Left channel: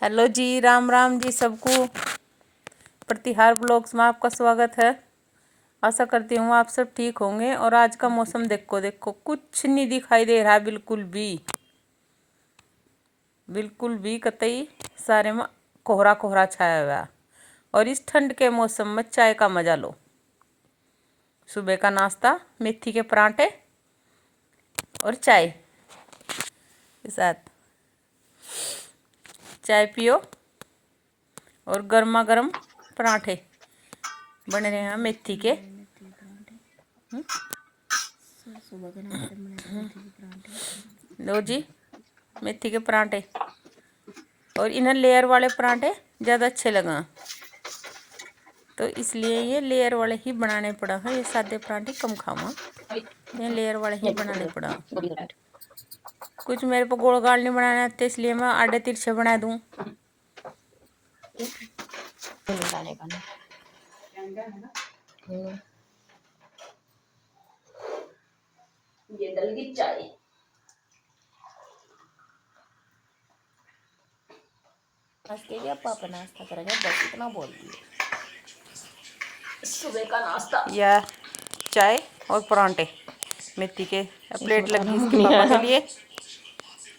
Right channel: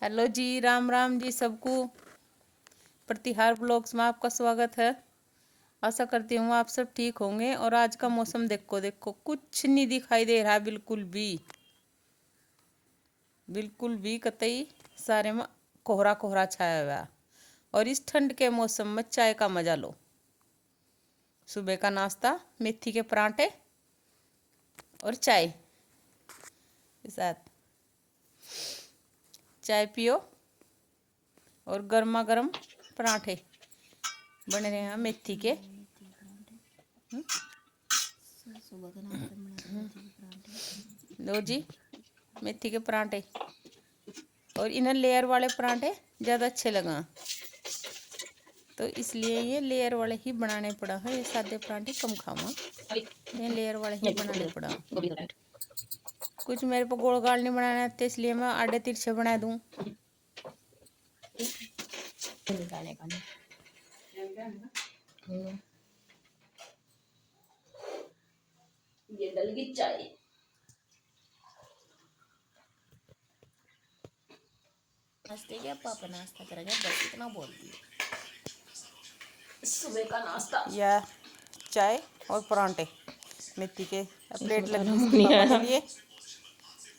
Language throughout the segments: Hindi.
हेलो जी, राम राम जी सबको। प्रतिहार ब्लॉग्स में आपका स्वागत है। आशा करती हूँ आप सब ठीक होंगे। और आज का मौसम देखो देखो, कुछ नहीं दिखाई दे रहा है, बिल्कुल भी कतई। सारे में कोहरा कोहरा छाया हुआ है। और इस ठंड के मौसम में चाय का मजा लो। सुबह का नाश्ता मेथी के पराठे और चाय के साथ चाय पियो और गर्मा गर्म पराठे बन रहे हैं मेथी के। लो जी, मेथी के पराठे। और इन्हें लेयर वाले पराठे ज़्यादा अच्छे लगा, तो इसलिए ये लेयर वाले ही बनाने पड़ा है। ये सादे पराठे कम खावा, ये लेयर वाले ही बनाने पड़ा। कुछ मेरे को गोल गाल नहीं बनाना आते, इसलिए मैं आधे तिरछे बना दूँ। ये डल गई चाय। नाश्ते के पापा नाश्ता करेंगे, बस इतना बोल दिए। सुबह का नाश्ता या चाय और परांठे मेथी के। प्लेट लगी इसके पापा के लिए,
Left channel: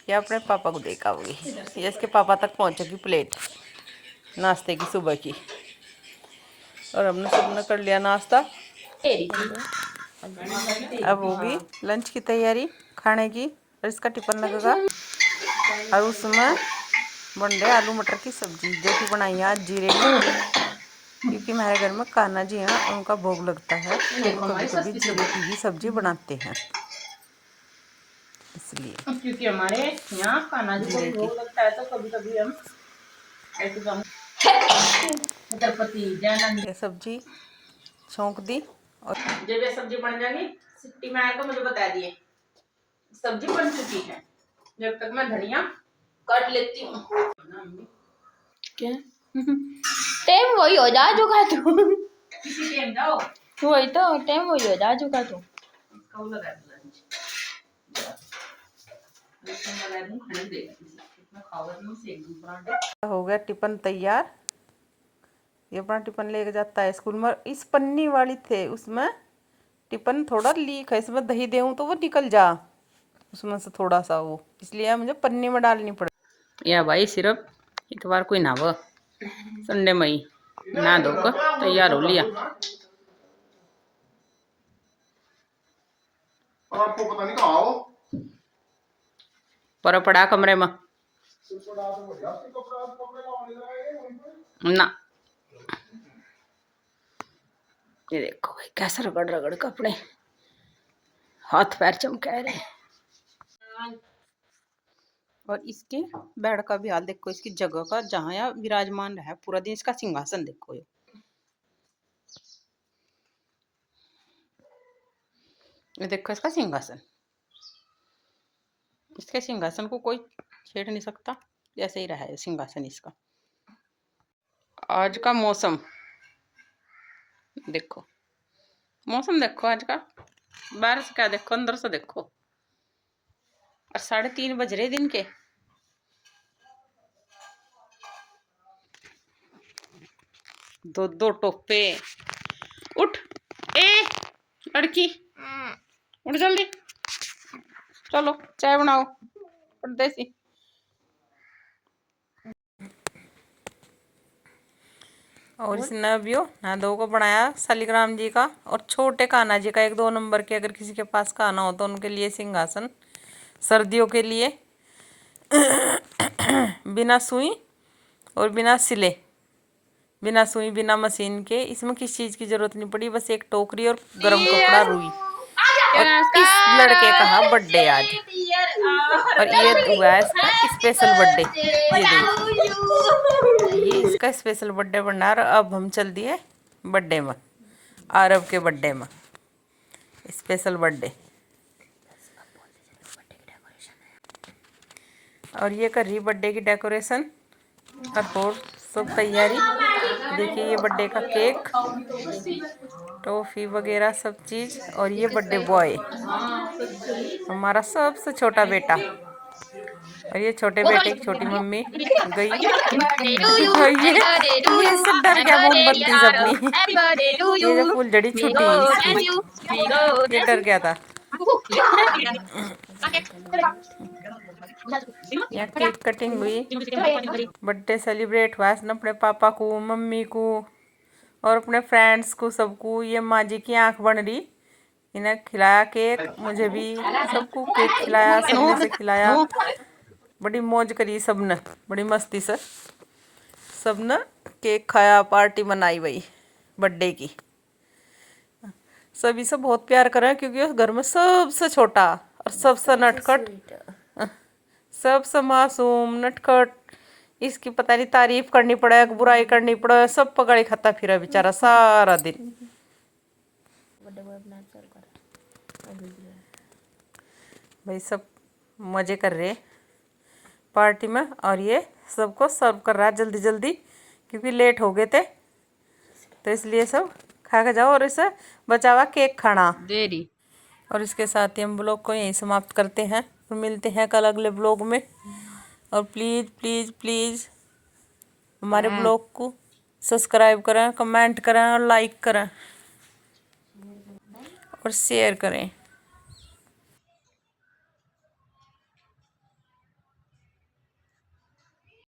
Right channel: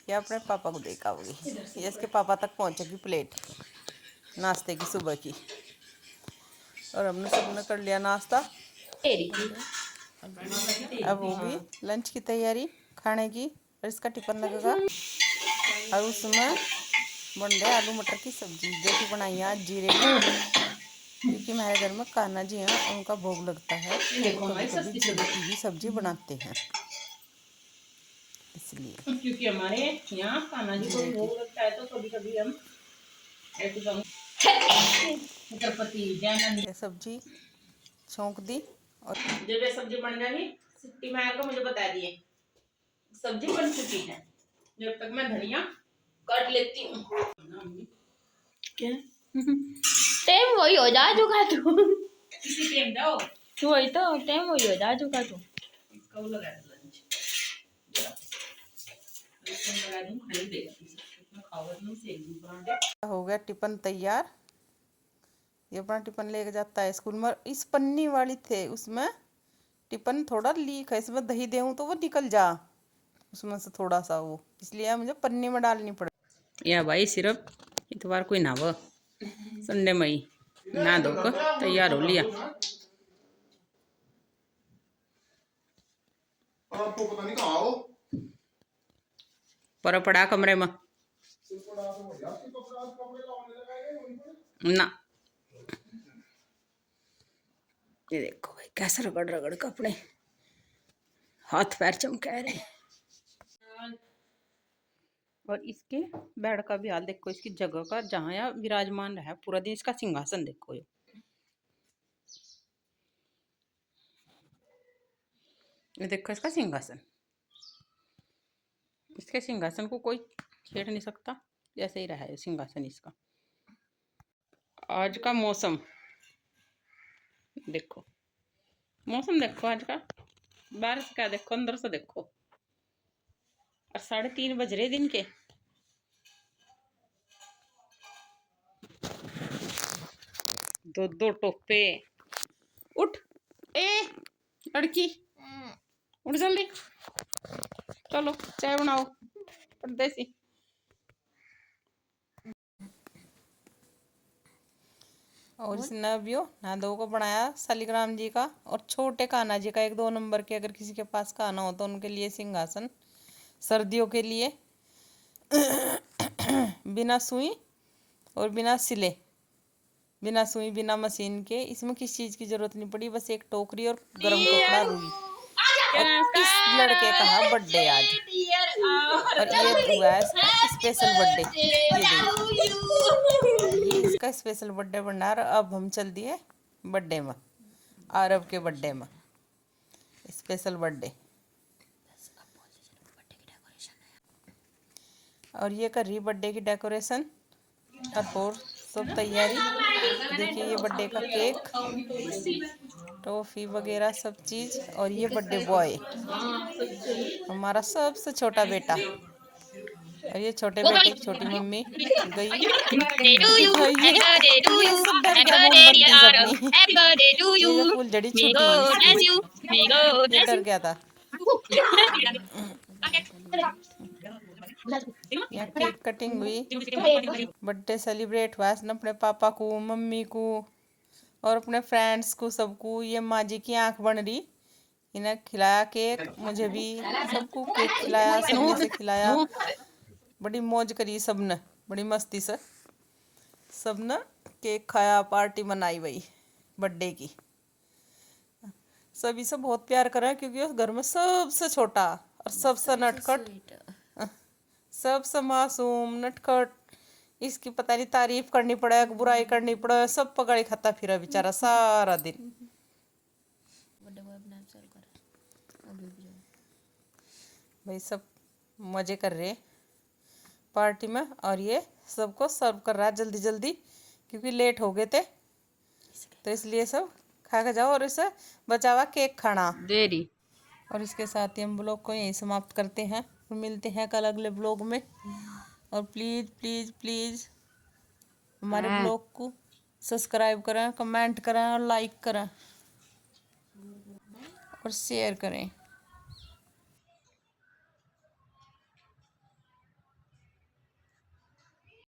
या अपने पापा को देखा होगी। ये इसके पापा तक पहुंचेगी प्लेट नाश्ते की सुबह की। और हमने सबने कर लिया नाश्ता। अब होगी लंच की तैयारी खाने की। और इसका टिफिन लगेगा। और उसमें बन रहे आलू मटर की सब्जी, जो कि बनाई है आज जीरे में, क्योंकि हमारे घर में कान्हा जी हैं, उनका भोग लगता है, तो कभी कभी जीरे की ही सब्जी बनाते हैं, इसलिए। क्योंकि हमारे यहाँ कान्हा जी को भोग लगता है, तो कभी कभी हम ये सब्जी छोंक दी। और जब ये सब्जी बन जाएगी, सिट्टी मार को मुझे बता दिए सब्जी बन चुकी है। जब तक मैं धनिया काट लेती हूँ। क्या टाइम वही हो जा चुका तू। किसी टाइम जाओ, वही तो टाइम वही हो जा चुका तू। इसका वो लगा दो लंच, लगा दूँ खाने दे। मैं खाऊंगा ना से एक दूसरा पराठे। हो गया टिफिन तैयार। ये अपना टिफिन लेके जाता है स्कूल में। इस पन्नी वाली थे, उसमें टिफिन थोड़ा लीक है, इसमें दही देऊँ तो वो निकल जा उसमें से थोड़ा सा, वो इसलिए मुझे पन्नी में डालनी पड़े। या भाई सिर्फ इतवार कोई ना, वो संडे में ही ना धो कर तैयार हो लिया। आपको पता नहीं कहाँ हो? पर पड़ा कमरे में ना। ये देखो भाई कैसे रगड़ रगड़ के अपने हाथ पैर चमका रहे। और इसके बेड का भी हाल देखो, इसकी जगह का, जहाँ यहाँ विराजमान रहा पूरा दिन। इसका सिंहासन देखो, ये देखो इसका सिंहासन। इसके सिंहासन को कोई छेड़ नहीं सकता, ऐसे ही रहा है सिंहासन इसका। आज का मौसम देखो, मौसम देखो आज का। बाहर से क्या देखो, अंदर से देखो। और 3:30 बज रहे दिन के। दो दो टोपे। उठ ए लड़की, उठ जल्दी, चलो चाय बनाओ परदेसी। और इसने अभी ना दो को बनाया शालिग्राम जी का और छोटे कान्हा जी का, 1-2 नंबर के। अगर किसी के पास कान्हा हो तो उनके लिए सिंहासन, सर्दियों के लिए। बिना सुई और बिना सिले, बिना सुई बिना मशीन के। इसमें किस चीज़ की जरूरत नहीं पड़ी, बस एक टोकरी और गर्म कपड़ा, रुई। और इस लड़के का बर्थडे आज, और ये हुआ है इसका स्पेशल बर्थडे। ये देखिए, ये इसका स्पेशल बर्थडे बना रहा। अब हम चल दिए बर्थडे में, आरव के बर्थडे में, स्पेशल बर्थडे। और ये कर रही बर्थडे की डेकोरेशन और सब तैयारी। देखिए ये बर्थडे का केक, टॉफी वगैरह सब चीज़। और ये बर्थडे बॉय, हमारा सबसे छोटा बेटा, और ये छोटे बेटे की छोटी मम्मी गई। ये सब डर गया मोमबत्ती से अपनी। ये जो फुलझड़ी छुट्टी हुई इसकी, ये डर गया था। यहाँ केक कटिंग हुई, बर्थडे सेलिब्रेट हुआ इसने अपने पापा को, मम्मी को और अपने फ्रेंड्स को, सबको। ये माँ जी की आंख बन रही, इन्हें खिलाया केक, मुझे भी सबको केक खिलाया, सबने से खिलाया। बड़ी मौज करी सबने, बड़ी मस्ती से सबने केक खाया, पार्टी मनाई भाई बर्थडे की। सभी से बहुत प्यार करें क्योंकि उस घर में सबसे छोटा और सबसे नटखट, सबसे मासूम नटखट। इसकी पता नहीं तारीफ करनी पड़े, बुराई करनी पड़े, सब पकड़े खाता फिरा बेचारा सारा दिन। भाई सब मजे कर रहे पार्टी में, और ये सबको सर्व कर रहा है जल्दी जल्दी क्योंकि लेट हो गए थे, तो इसलिए सब खा के जाओ और इसे बचा हुआ केक खाना देरी। और इसके साथ ही हम ब्लॉग को यहीं समाप्त करते हैं, फिर मिलते हैं कल अगले ब्लॉग में। और प्लीज़ प्लीज़ प्लीज़ हमारे ब्लॉग को सब्सक्राइब करें, कमेंट करें और लाइक करें और शेयर करें।